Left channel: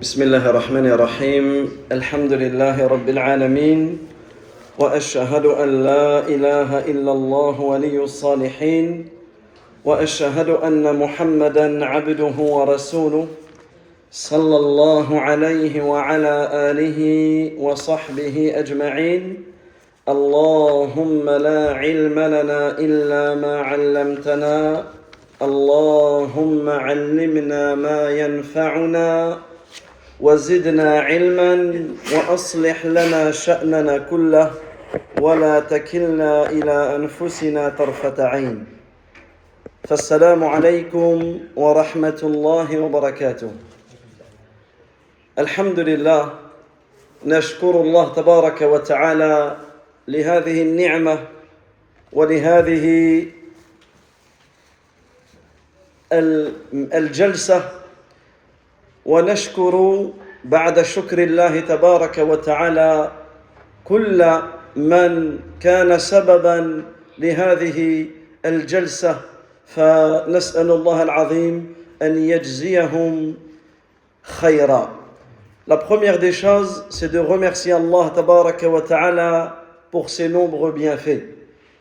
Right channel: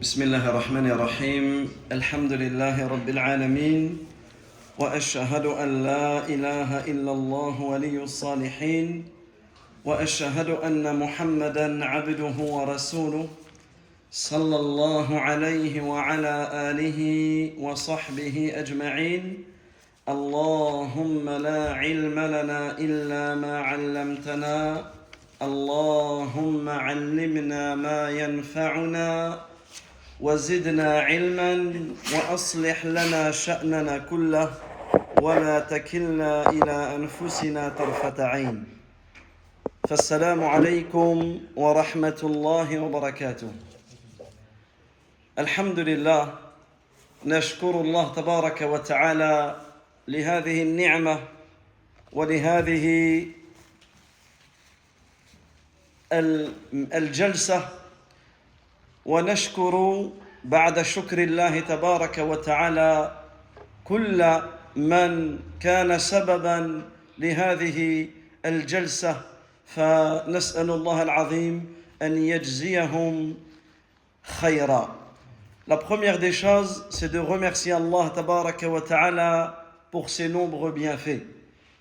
بسم الله الرحمن الرحيم الحمد لله رب العالمين وأشهد أن لا إله إلا الله ولي الصالحين وأشهد أن محمدًا عبده ورسوله صلى الله عليه وعلى آله وصحبه أجمعين اللهم لا علم لنا إلا ما علمتنا اللهم علمنا ما ينفعنا وزدنا علما وأصلح لنا شأننا كله ولا تكلنا إلى أنفسنا طرفة عين فالسلام عليكم ورحمة الله وبركاته الحمد لله نشكر الله تبارك وتعالى لهذه النعمة ولهذه الجلسة ونشكر بعد شكر الله تبارك وتعالى كل من كان سببا لهذه الجلسة فنسأل الله العظيم أن يجزيهم خيرا. La première des choses, c'est de remercier Allah tabaraka wa ta'ala pour ses nombreux bienfaits.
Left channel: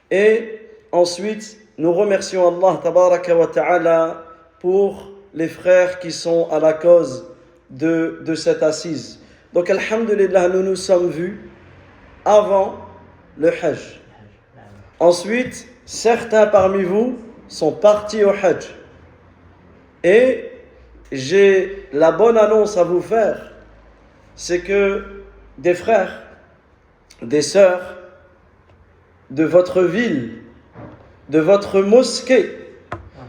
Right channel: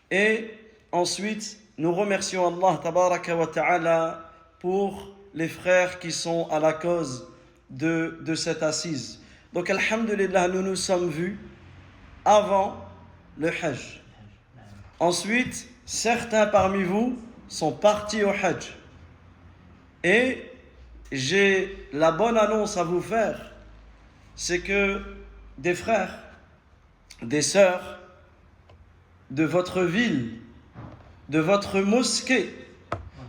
Et ensuite, nous remercions Allah tabaraka wa ta'ala pour les frères qui sont à la cause de cette assise. Donc, alhamdulillah, nous nous sommes vus avant le Hajj. Ensuite, certains parmi vous sont partis au Hajj. Et j'ai la bonne annonce à vous faire, c'est que des frères, des sœurs de votre ville, de votre mosquée,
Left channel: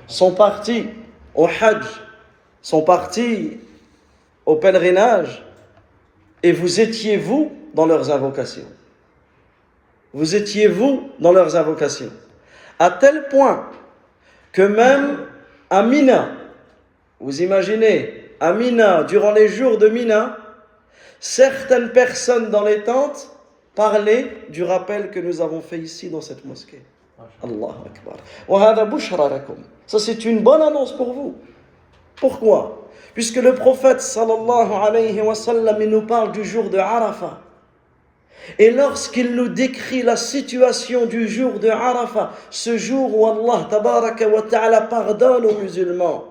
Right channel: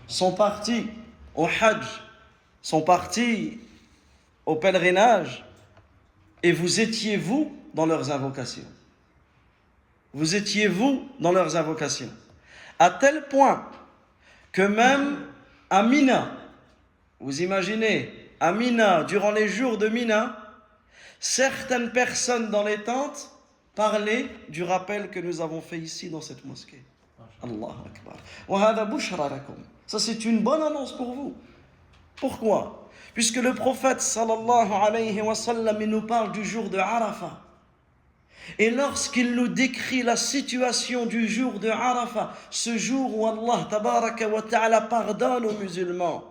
sont partis au Hajj, sont partis au pèlerinage, et vous étiez vous dans leurs invocations. Vous étiez vous dans leurs invocations. À tel point que même à Mina, vous imaginez, à Mina, durant les jours de Mina, certaines personnes dans les tentes parlaient du rappel que nous avons fait ici dans cette mosquée. Allahu Akbar. Wa hadha bushra lakum. Ça, c'est une bonne annonce pour vous. Pourquoi? Puisque le prophète sallallahu alayhi wa sallam, il nous parle du jour de Arafat. Et lorsqu'il nous décrit la situation du jour de Arafat, ce jour où Allah tabaraka wa ta'ala pardonne aux musulmans,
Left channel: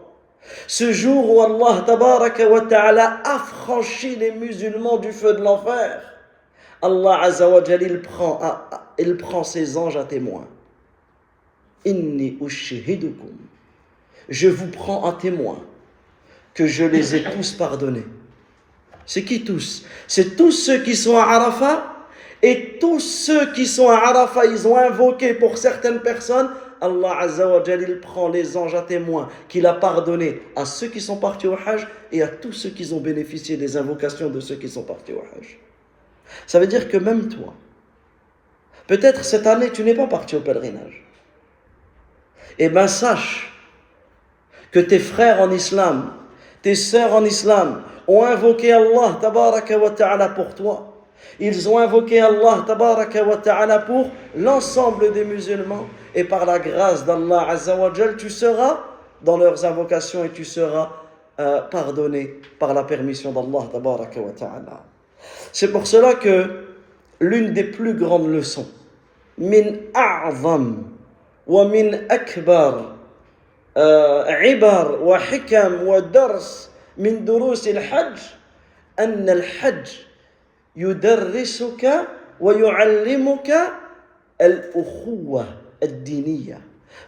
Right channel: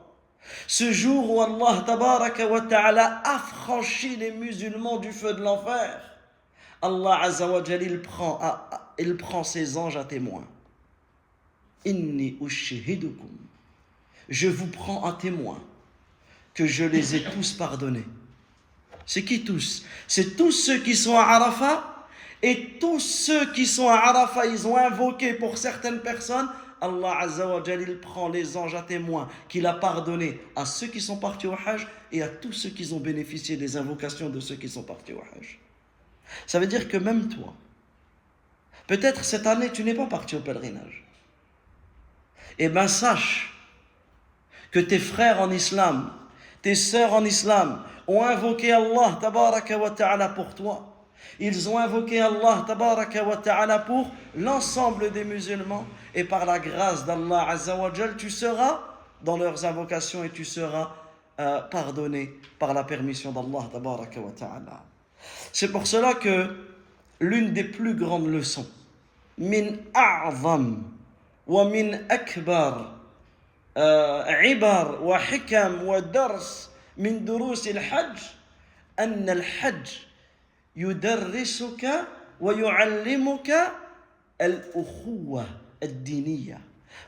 ce jour où Allah tabaraka wa ta'ala affranchit les musulmans du feu de l'enfer, Allah azza wa jalla, il prend ses anges à témoin. Inni ushhidukum. Je vous prends à témoin que je les ai tous pardonnés. C'est qui tous? C'est tous ceux qui sont à Arafat, et tous ceux qui sont à Arafat, ils ont invoqué pour certaines personnes, Allah Azza wa Jalla, il prend les anges à témoin qu'il a pardonné à ceux qui sont partis au Hajj et à tous ceux qui ont bénéficié des invocations de ceux qui sont partis au Hajj. Ça veut dire que même toi, peut-être cette année tu n'es pas parti au pèlerinage. Eh bien sache que tes frères en islam, tes sœurs en islam ont invoqué Allah tabaraka wa ta'ala pour toi. Ils ont invoqué Allah tabaraka wa ta'ala pour l'ensemble des musulmans. Et par la grâce d'Allah azza wa jal, tu seras dans leurs invocations et tu seras pardonné par la permission d'Allah tabaraka wa ta'ala. C'est pour cela que l'une des plus grandes leçons, min a'zam wa min akbar عبر وحكم ودرس من دروس الحج أن الحج يدرسك ويعلمك الأخوة الدينية.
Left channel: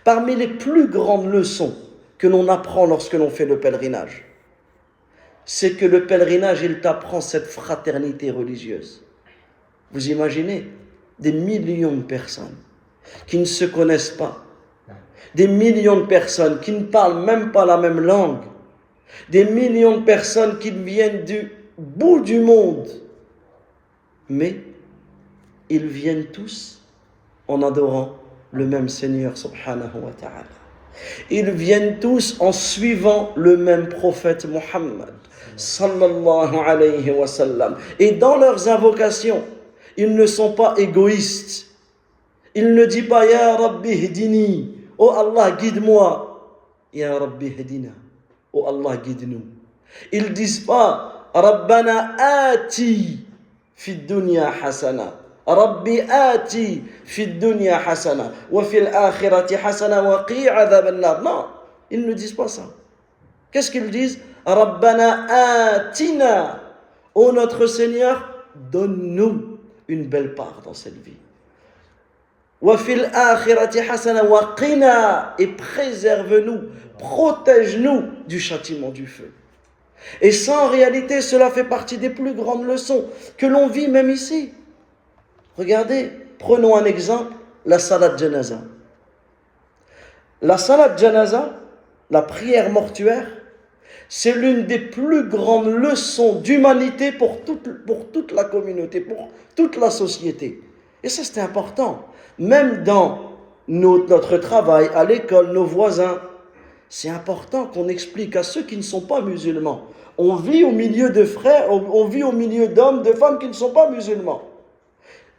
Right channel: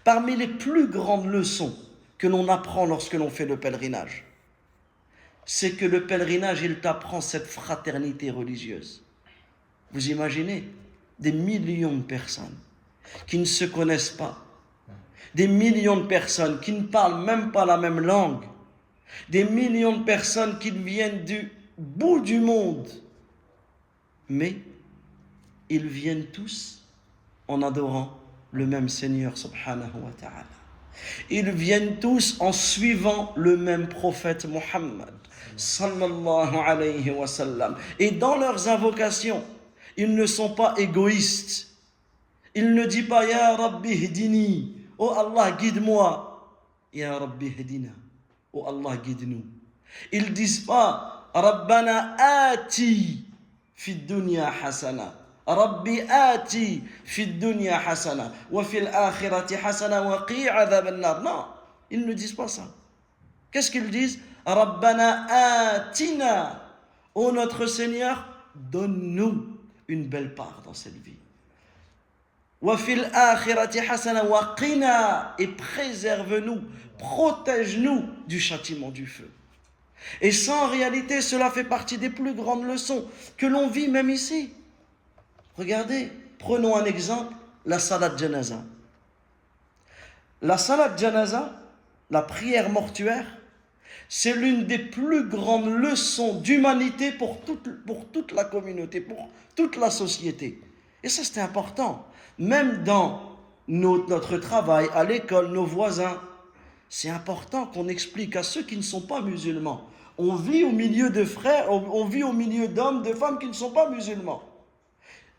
Parmi les plus grandes leçons que l'on apprend lorsque l'on fait le pèlerinage, c'est que le pèlerinage, il t'apprend cette fraternité religieuse. Vous imaginez des millions de personnes qui ne se connaissent pas, des millions de personnes qui ne parlent même pas la même langue, des millions de personnes qui viennent du bout du monde, mais ils viennent tous en adorant le même Seigneur subhanahu wa ta'ala. Ils viennent tous en suivant le même prophète Muhammad sallallahu alayhi wa sallam. Et dans leurs invocations, ils ne sont pas égoïstes. Ils ne disent pas Ya Rabbi hdini, oh Allah guide-moi. Ya Rabbi hdina, Oh Allah, guide-nous. Ils disent pas Rabbana ati fi dunya hasana. Rabbi ati fi dunya hasana. Wa fil akhirati hasana wa qi' adhab an-nar. Non, ils ne disent pas ça. Qu'est-ce qu'ils disent? Rabbana atina. Ô notre Seigneur, donne-nous une belle part dans cette vie. Wa fil akhirati hasana wa qina, et préserve-nous, protège-nous du châtiment du feu. Et ça, en réalité, cela fait partie des plus grandes leçons que l'on vit même ici. Regardez, prenons un exemple, la salat janaza. La salat janaza, la prière mortuaire, c'est l'une des plus grandes leçons d'humanité pour toute la communauté, pour toute la société. Et ça, c'est important. Même dans notre travail, à l'école, nos voisins, c'est important qu'on explique à ceux qui ne sont pas musulmans. On vit au milieu de frères, on vit au milieu d'hommes, de femmes qui ne sont pas musulmans.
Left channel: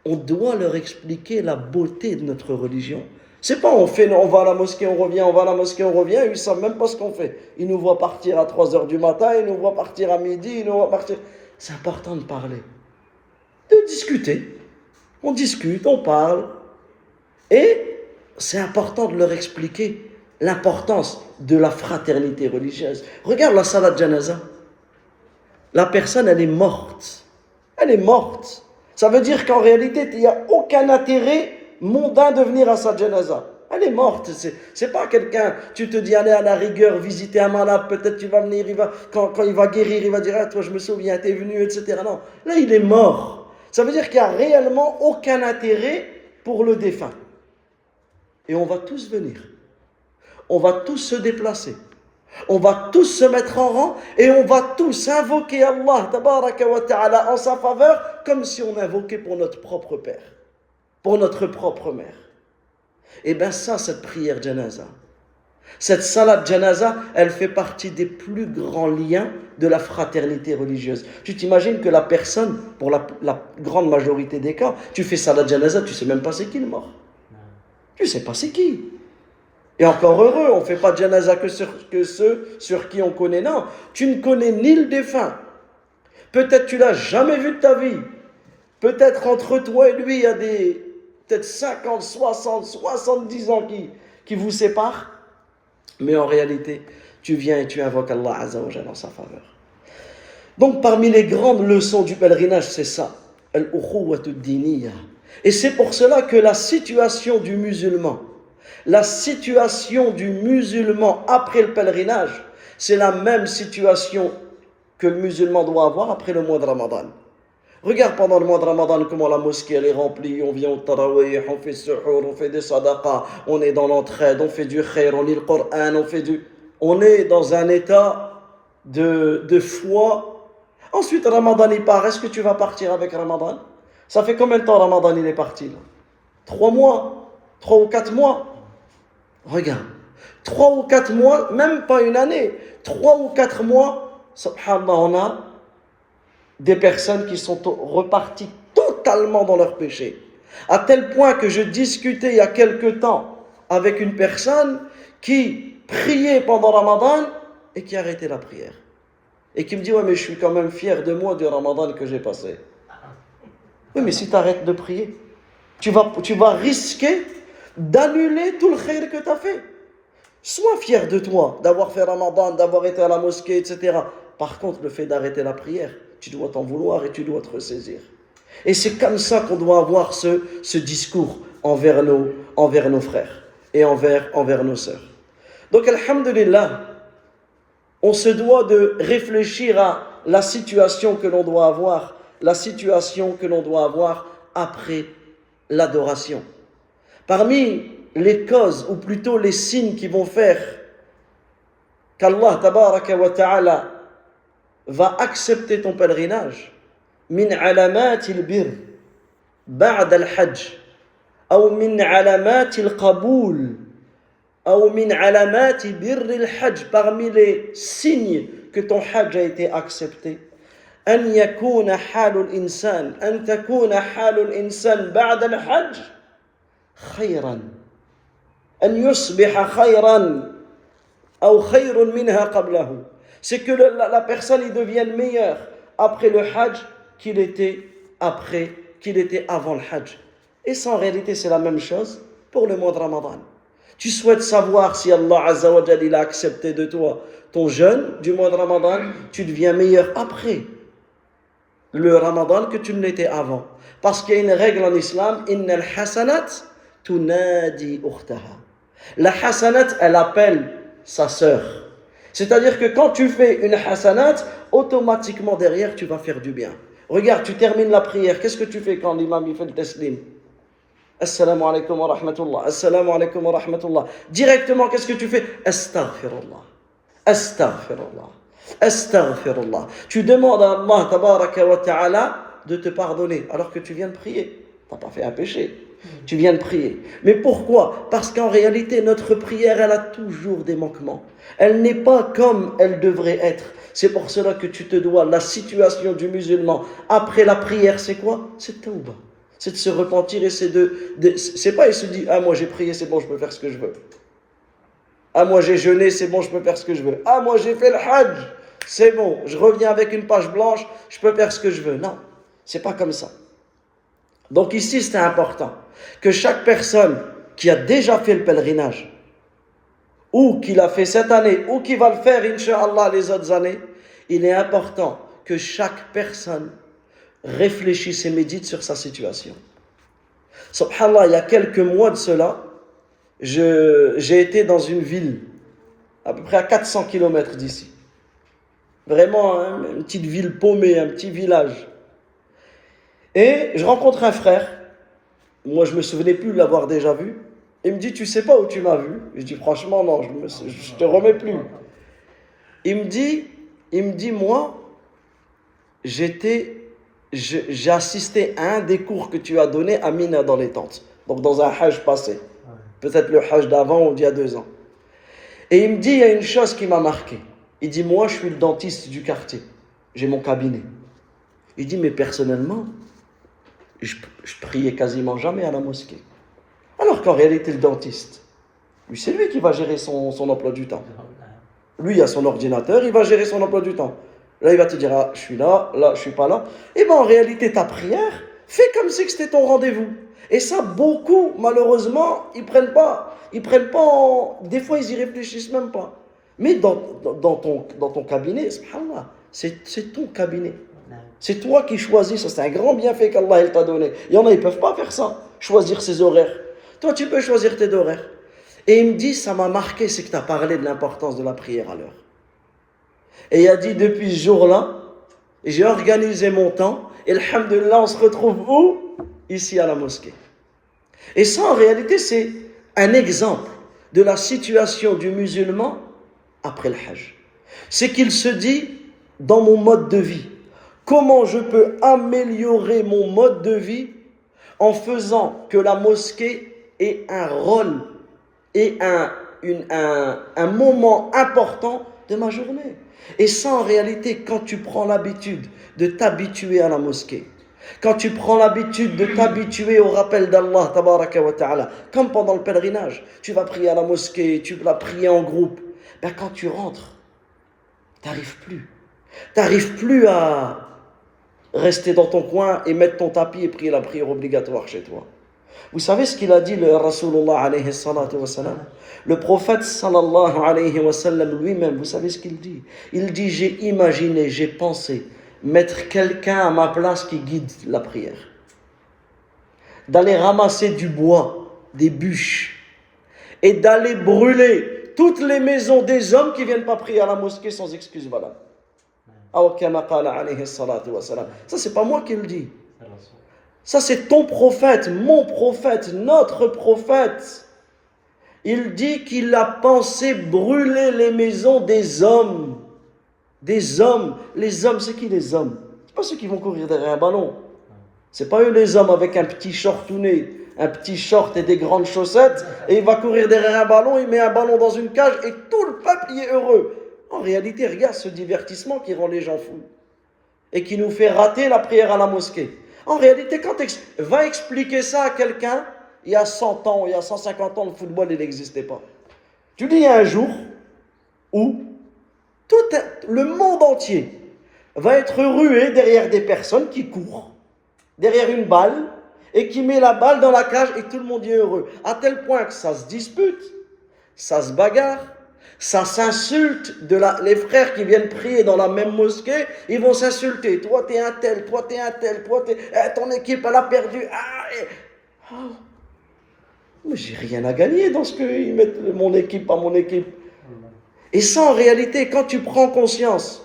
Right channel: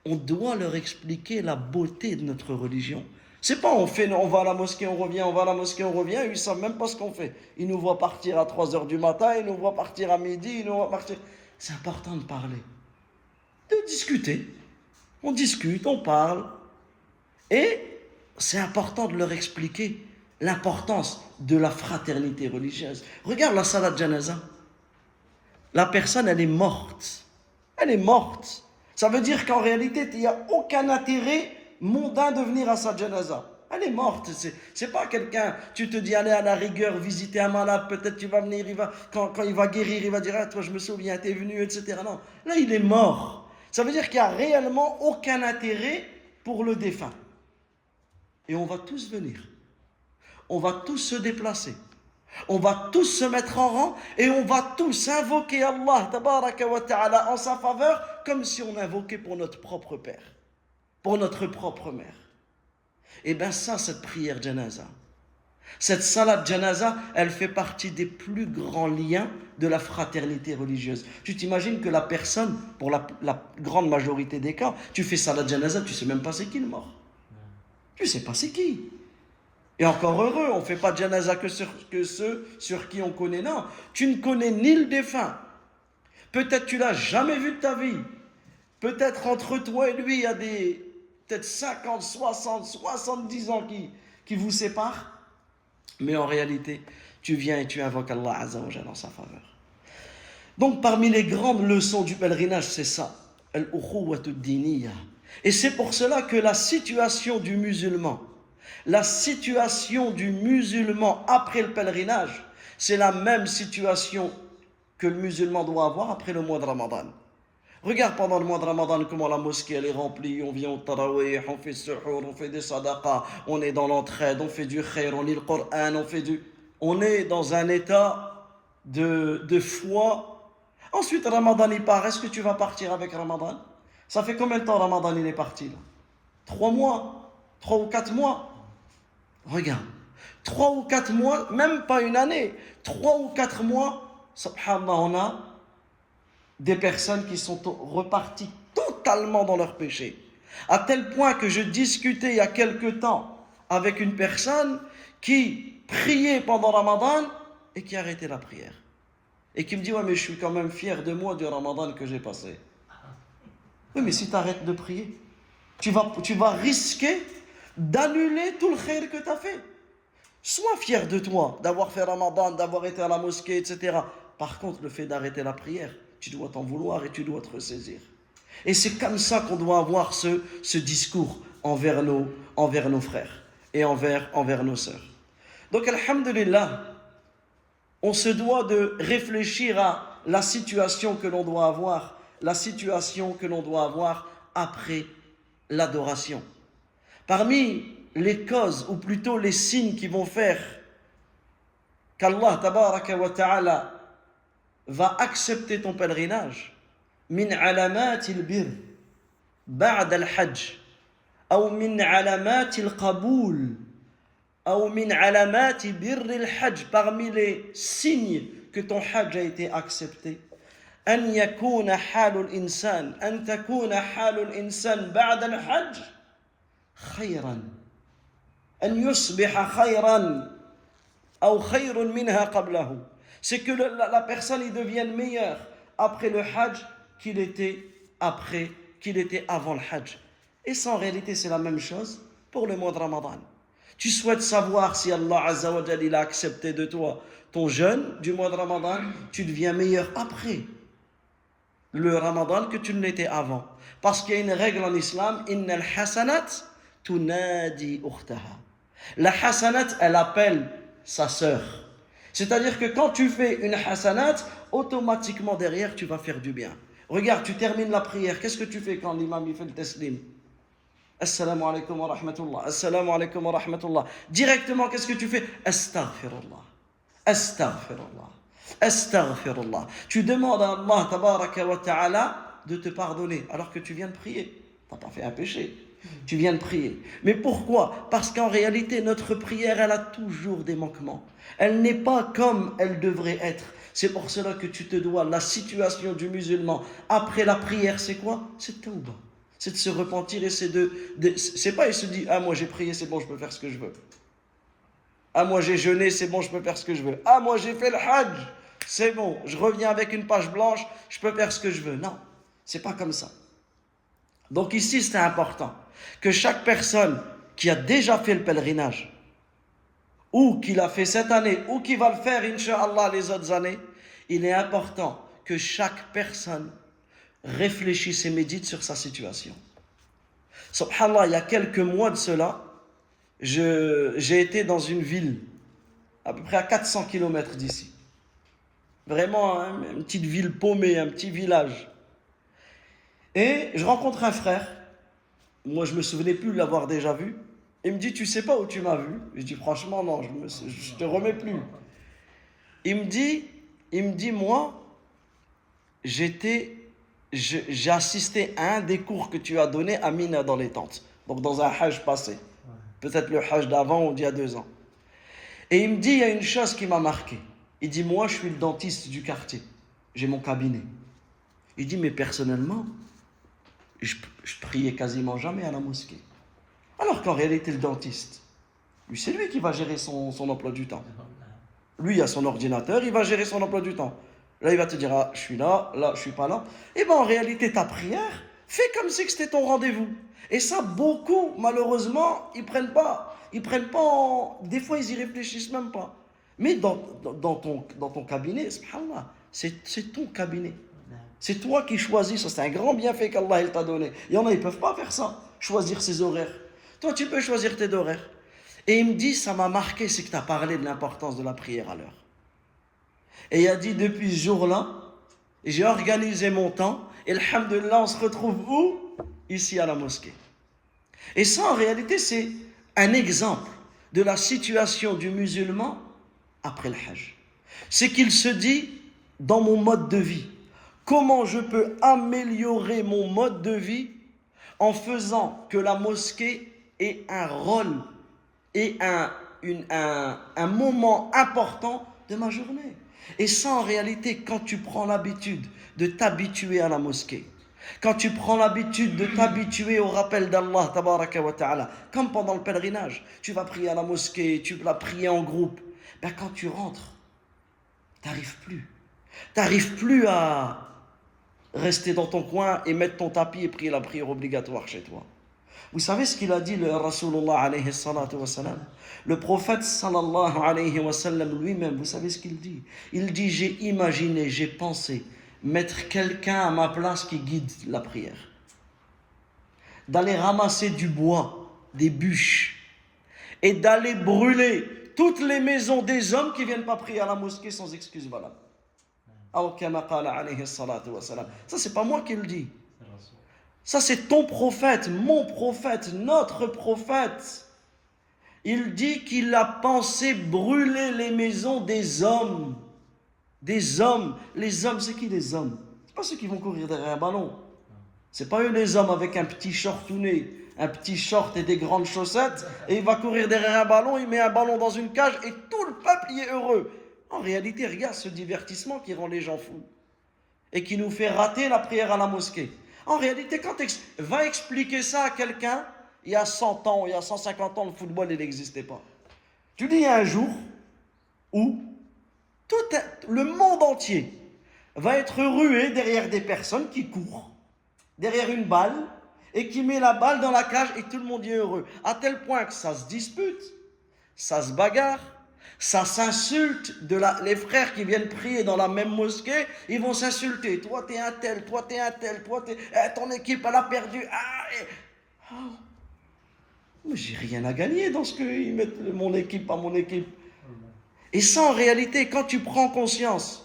On doit leur expliquer la beauté de notre religion. C'est pas on va à la mosquée, on revient, on va à la mosquée, on revient, et ils ne savent même pas ce qu'on fait. Ils nous voient partir à 3 heures du matin, ils nous voient partir à midi, ils nous voient partir... C'est important de parler, de discuter. On discute, on parle. Et c'est important de leur expliquer l'importance de la fraternité religieuse. Regarde la salat janaza. La personne, elle est morte. Elle est morte. Ça veut dire qu'en réalité, il n'y a aucun intérêt mondain de venir à sa janaza. Elle est morte. C'est pas quelqu'un, tu te dis, allez à la rigueur, visiter un malade, peut-être tu vas venir, quand il va guérir, il va dire, ah, toi je me souviens, t'es venu, etc. Non, là il est mort. Ça veut dire qu'il n'y a réellement aucun intérêt pour le défunt. Et on va tous venir. On va tous se déplacer. On va tous se mettre en rang et on va tous invoquer Allah tabaraka wa ta'ala en sa faveur comme si on invoquait pour notre propre père, pour notre propre mère. Et bien ça, cette prière janaza, cette salat janaza, elle fait partie des plus grands liens de la fraternité religieuse. Tu t'imagines que la personne, pour la grande majorité des cas, tu fais salat janaza, tu ne sais même pas c'est qui le mort. Tu ne sais pas c'est qui. Et encore heureux, on ne fait pas de janaza que ceux sur qui on connaît. Non, tu ne connais ni le défunt. Peut-être tu ne l'as jamais vu de ta vie. Peut-être entre toi et lui, il y a peut-être 50, 60, 70 ans qui vous séparent. Mais en réalité, tu viens et tu invoques Allah Azza wa Jalla en sa faveur. Donc parmi les grandes leçons du pèlerinage, c'est ça. Al-ukhuwatu ad-diniyya. Et c'est pour cela que la situation du musulman après le pèlerinage, c'est la même situation que le musulman doit avoir après le mois de Ramadan. Regarde pendant le mois de Ramadan comment la mosquée elle est remplie, on vient au tarawih, on fait suhour, on fait des sadaqas, on est dans l'entraide, on fait du khair, on lit le Coran, on est dans un état de foi. Ensuite Ramadan il part, est-ce que tu vas partir avec Ramadan? Ça fait combien de temps Ramadan il est parti là? 3 mois, 3 ou 4 mois. Regarde, 3 ou 4 mois, même pas une année, 3 ou 4 mois, subhanallah, on a des personnes qui sont reparties totalement dans leur péché. À tel point que je discutais il y a quelque temps avec une personne qui priait pendant Ramadan et qui arrêtait la prière. Et qui me dit, ouais mais je suis quand même fier de moi du Ramadan que j'ai passé. Oui mais si tu arrêtes de prier, tu vas risquer d'annuler tout le khair que tu as fait. Sois fier de toi, d'avoir fait Ramadan, d'avoir été à la mosquée, etc. Par contre, le fait d'arrêter la prière, tu dois t'en vouloir et tu dois te ressaisir. Et c'est comme ça qu'on doit avoir ce discours envers nos frères et envers nos sœurs. Donc, alhamdulillah, on se doit de réfléchir à la situation que l'on doit avoir, après l'adoration. Parmi les causes, ou plutôt les signes qui vont faire qu'Allah tabaraka wa ta'ala va accepter ton pèlerinage, min alamat al-bir ba'd al-hajj, ou min alamat al-qaboul, ou min alamat bir al-hajj, parmi les signes que ton hajj a été accepté, an yakuna halul insan, an takuna halul insan ba'd al-hajj khayran, an yusbiha khayran, أو خير منها قبله. C'est que la personne il devienne meilleure après le Hajj qu'il était avant le Hajj. Et ça en réalité c'est la même chose pour le mois de Ramadan. Tu souhaites savoir si Allah Azza wa Jalla il a accepté de toi ton jeûne du mois de Ramadan, tu deviens meilleur après le Ramadan que tu ne l'étais avant. Parce qu'il y a une règle en islam, innal hasanat tunadi ukhtaha. La hasanat, elle appelle sa sœur. C'est-à-dire que quand tu fais une hasanat, automatiquement derrière, tu vas faire du bien. Regarde, tu termines la prière. Qu'est-ce que tu fais quand l'imam il fait le taslim? Assalamu alaikum wa rahmatullah. Assalamu alaikum wa rahmatullah. Directement, qu'est-ce que tu fais? Astaghfirullah. Astaghfirullah. Astaghfirullah. Tu demandes à Allah tabaraka wa ta'ala de te pardonner alors que tu viens de prier. Tu n'as pas fait un péché. Tu viens de prier. Mais pourquoi? Parce qu'en réalité, notre prière, elle a toujours des manquements. Elle n'est pas comme elle devrait être. C'est pour cela que tu te dois. La situation du musulman après la prière, c'est quoi? C'est tawbah. C'est de se repentir et c'est pas il se dit, ah moi j'ai prié, c'est bon, je peux faire ce que je veux. Ah moi j'ai jeûné, c'est bon, je peux faire ce que je veux. Ah moi j'ai fait le Hajj, c'est bon, je reviens avec une page blanche, je peux faire ce que je veux. Non, c'est pas comme ça. Donc ici c'est important que chaque personne qui a déjà fait le pèlerinage, ou qui l'a fait cette année, ou qui va le faire, Inch'Allah, les autres années, il est important que chaque personne réfléchisse et médite sur sa situation. Subhanallah, il y a quelques mois de cela, j'ai été dans une ville, à peu près à 400 km d'ici. Vraiment, hein, une petite ville paumée, un petit village. Et je rencontre un frère. Moi, je ne me souvenais plus de l'avoir déjà vu. Il me dit, tu sais pas où tu m'as vu? Je dis, franchement, non, je te remets plus. Il me dit, moi, j'ai assisté à un des cours que tu as donné à Mina dans les tentes. Donc, dans un Hajj passé. Peut-être le Hajj d'avant ou d'il y a 2 ans. Et il me dit, il y a une chose qui m'a marqué. Il dit, moi, je suis le dentiste du quartier. J'ai mon cabinet. Il dit, mais personnellement, je priais quasiment jamais à la mosquée. Alors qu'en réalité, le dentiste, lui, c'est lui qui va gérer son emploi du temps. Lui, il a son ordinateur, il va gérer son emploi du temps. Là, il va te dire, ah, je suis là, je suis pas là. Et bien, en réalité, ta prière, fais comme si c'était ton rendez-vous. Et ça, beaucoup, malheureusement, ils prennent pas des fois, ils y réfléchissent même pas. Mais dans ton cabinet, subhanallah, c'est ton cabinet. C'est toi qui choisis ça. C'est un grand bienfait qu'Allah t'a donné. Il y en a, ils ne peuvent pas faire ça, choisir ses horaires. Toi, tu peux choisir tes horaires. Et il me dit, ça m'a marqué, c'est que tu as parlé de l'importance de la prière à l'heure. Et il a dit, depuis ce jour-là, j'ai organisé mon temps. Et alhamdoulilah, on se retrouve où? Ici à la mosquée. Et ça, en réalité, c'est un exemple de la situation du musulman après le Hajj. C'est qu'il se dit, dans mon mode de vie, comment je peux améliorer mon mode de vie en faisant que la mosquée ait un rôle et un moment important de ma journée. Et ça, en réalité, quand tu prends l'habitude de t'habituer à la mosquée, quand tu prends l'habitude de t'habituer au rappel d'Allah, tabaraka wa ta'ala, comme pendant le pèlerinage, tu vas prier à la mosquée, tu vas prier en groupe, ben quand tu rentres, t'arrives plus à rester dans ton coin et mettre ton tapis et prier la prière obligatoire chez toi. Vous savez ce qu'il a dit le Rasulullah alayhi salatu wa salam? Le prophète sallallahu alayhi wa sallam lui-même, vous savez ce qu'il dit? Il dit, j'ai imaginé, j'ai pensé mettre quelqu'un à ma place qui guide la prière. D'aller ramasser du bois, des bûches, et d'aller brûler toutes les maisons des hommes qui ne viennent pas prier à la mosquée sans excuse valable. Ça, c'est pas moi qui le dis. Ça, c'est ton prophète, mon prophète, notre prophète. Il dit qu'il a pensé brûler les maisons des hommes. Des hommes. Les hommes, c'est qui les hommes? C'est pas ceux qui vont courir derrière un ballon. C'est pas eux les hommes avec un petit shortounet, un petit short et des grandes chaussettes, et il va courir derrière un ballon, il met un ballon dans une cage et tout le peuple y est heureux. En réalité, regarde ce divertissement qui rend les gens fous et qui nous fait rater la prière à la mosquée. En réalité, quand va expliquer ça à quelqu'un, il y a 100 ans, il y a 150 ans, le football, il n'existait pas. Tu dis, il y a un jour, où le monde entier va être rué derrière des personnes qui courent, derrière une balle, et qui met la balle dans la cage et tout le monde est heureux. À tel point que ça se dispute, ça se bagarre, ça s'insulte. Les frères qui viennent prier dans la même mosquée, ils vont s'insulter. Toi t'es un tel, toi t'es un tel, ton équipe elle a perdu. Mais j'ai rien à gagner dans ce qu'ils mettent mon équipe à mon équipe. Et ça en réalité, quand tu prends conscience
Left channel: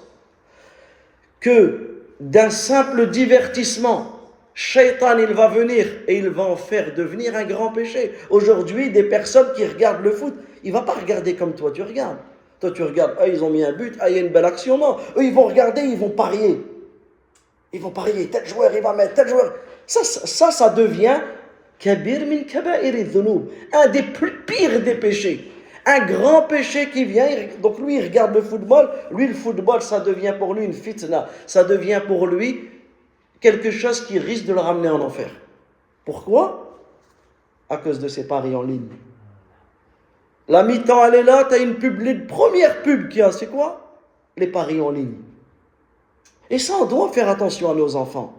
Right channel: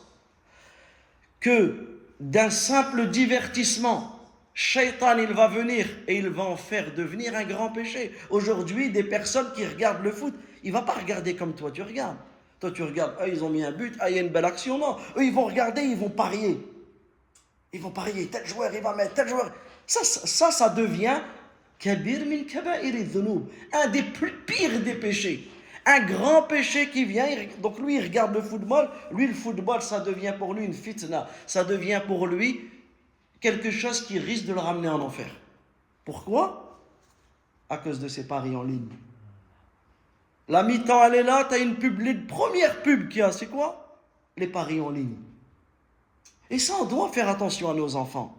que d'un simple divertissement, Shaitan, il va venir et il va en faire devenir un grand péché. Aujourd'hui, des personnes qui regardent le foot, il ne va pas regarder comme toi tu regardes. Toi, tu regardes, ils ont mis un but, il y a une belle action. Non, eux, ils vont regarder, ils vont parier. Ils vont parier, tel joueur, il va mettre, tel joueur. Ça devient kabir min kaba'iri dhunub, un des plus pires des péchés. Un grand péché qui vient, donc lui, il regarde le football. Lui, le football, ça devient pour lui une fitna. Ça devient pour lui quelque chose qui risque de le ramener en enfer. Pourquoi? À cause de ses paris en ligne. La mi-temps, elle est là, tu as une pub, les premières pubs qu'il y a, c'est quoi? Les paris en ligne. Et ça, on doit faire attention à nos enfants.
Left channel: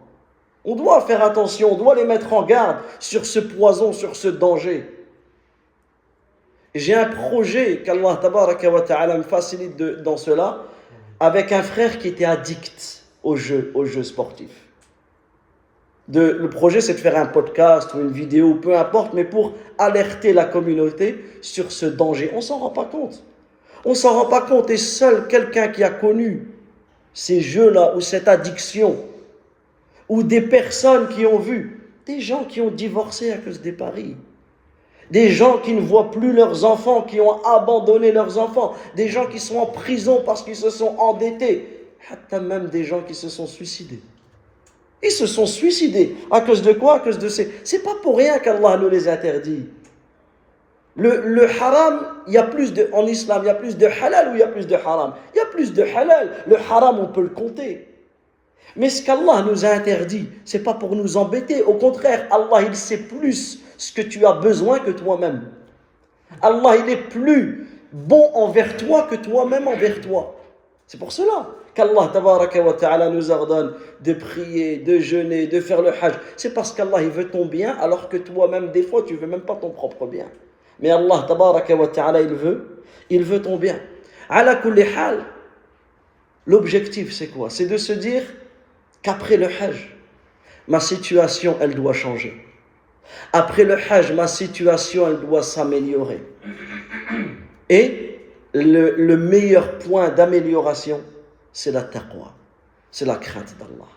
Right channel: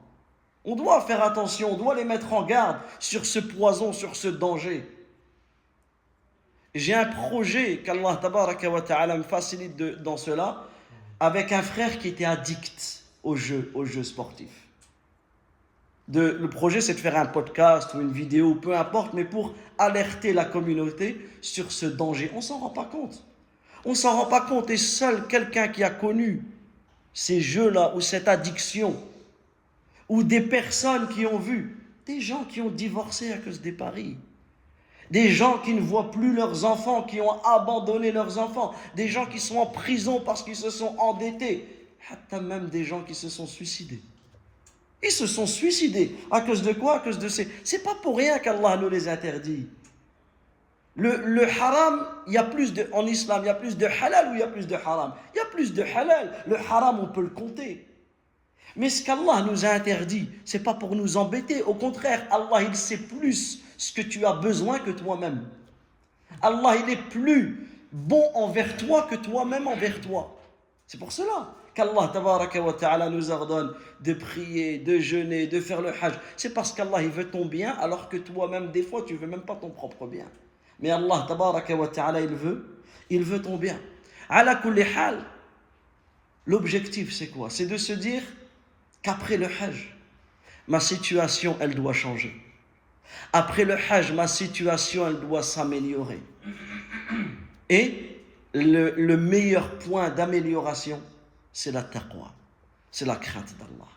On doit faire attention, on doit les mettre en garde sur ce poison, sur ce danger. J'ai un projet qu'Allah tabaraka wa ta'ala me facilite dans cela, avec un frère qui était addict aux jeux sportifs. Le projet, c'est de faire un podcast ou une vidéo, peu importe, mais pour alerter la communauté sur ce danger. On ne s'en rend pas compte. On ne s'en rend pas compte. Et seul quelqu'un qui a connu ces jeux-là, ou cette addiction, ou des personnes qui ont vu, des gens qui ont divorcé à cause des paris, des gens qui ne voient plus leurs enfants, qui ont abandonné leurs enfants, des gens qui sont en prison parce qu'ils se sont endettés, même des gens qui se sont suicidés. Ils se sont suicidés. À cause de quoi? À cause de ces... C'est pas pour rien qu'Allah nous les interdit. Le haram, il y a plus de... En islam, il y a plus de halal ou il y a plus de haram? Il y a plus de halal. Le haram, on peut le compter. Mais ce qu'Allah nous a interdit, c'est pas pour nous embêter. Au contraire, Allah, il sait plus ce que tu as besoin que toi-même. Allah, il est plus bon envers toi que toi-même envers toi. C'est pour cela qu'Allah tabaraka wa ta'ala nous ordonne de prier, de jeûner, de faire le hajj. C'est parce qu'Allah il veut ton bien, alors que toi-même des fois tu veux même pas ton propre bien. Mais Allah tabaraka wa ta'ala il veut ton bien. Ala kulli hal, l'objectif c'est quoi? C'est de se dire qu'après le hajj, ma situation elle doit changer. Après le hajj, ma situation elle doit s'améliorer. Et le meilleur point d'amélioration, c'est la taqwa, c'est la crainte d'Allah.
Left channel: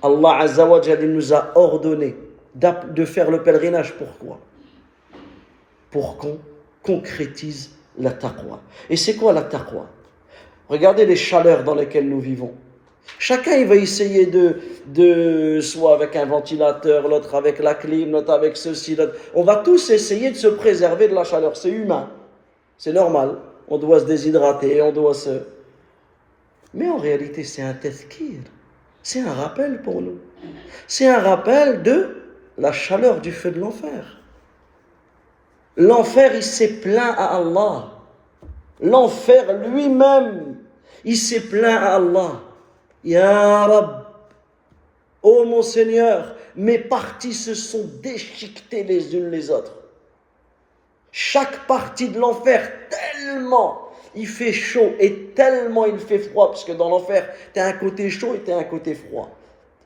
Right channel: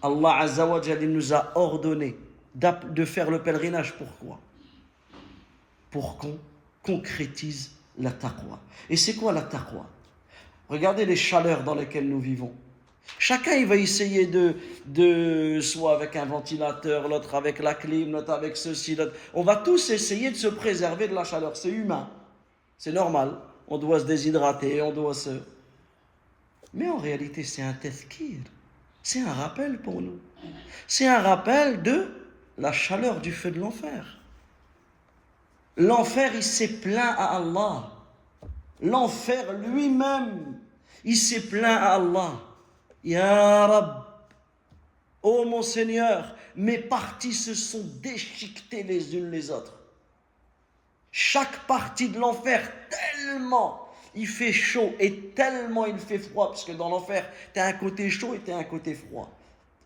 Allah Azza wa Jalla nous a ordonné de faire le pèlerinage. Pourquoi? Pour qu'on concrétise la taqwa. Et c'est quoi la taqwa? Regardez les chaleurs dans lesquelles nous vivons. Chacun il va essayer de soit avec un ventilateur, l'autre avec la clim, l'autre avec ceci, l'autre. On va tous essayer de se préserver de la chaleur. C'est humain, c'est normal. On doit se déshydrater, on doit se... Mais en réalité, c'est un tazkir. C'est un rappel pour nous. C'est un rappel de la chaleur du feu de l'enfer. L'enfer, il s'est plaint à Allah. L'enfer lui-même, il s'est plaint à Allah. Ya Rab, ô mon Seigneur, mes parties se sont déchiquetées les unes les autres. Chaque partie de l'enfer, tellement il fait chaud et tellement il fait froid, parce que dans l'enfer, tu as un côté chaud et tu as un côté froid.